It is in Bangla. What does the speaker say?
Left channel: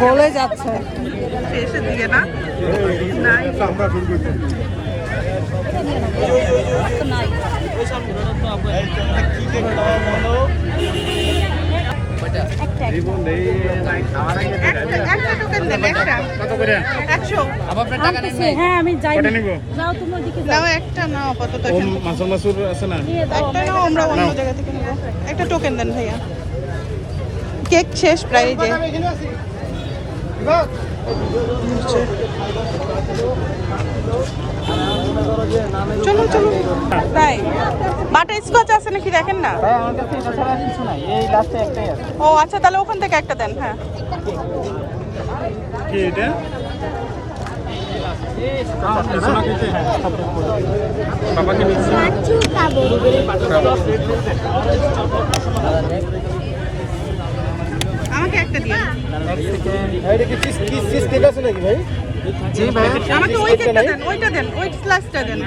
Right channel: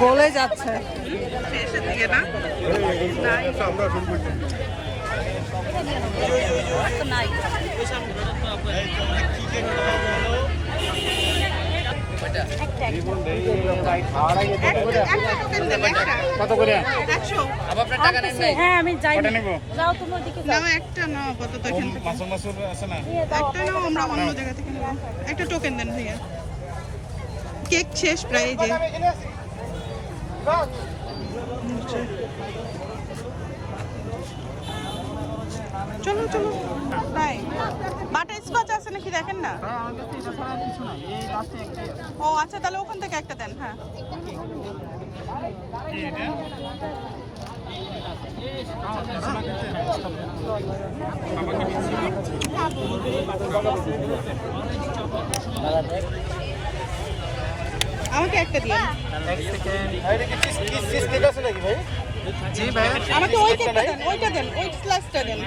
গলে যাচ্ছে শেষের দিকে না আমরা শুরু করছি তো নাই ওইটা একটা একটা আবার আপনার টাকা নেন আনতেছি, নাই হ্যাঁ আমি যাই যাও তুমি ওদিকে যাও। একটা নাও আপাতত ওম মাসুম মাসুর আছে না? একটা নাও আমরা অন্য জায়গা থেকে নিয়ে আসব। একটা টোকেন দেন ভাইয়া। কেক শেষ প্রায় যে। চলো চলো। তাই বাটার স্কচ আছে নাকি দেখেন না? ও আচ্ছা তাহলে ওখান থেকে একটা দেন হ্যাঁ। আমাকে একটা দিন। ভাই জি ভাই? ওইটা দেন ওই দেন।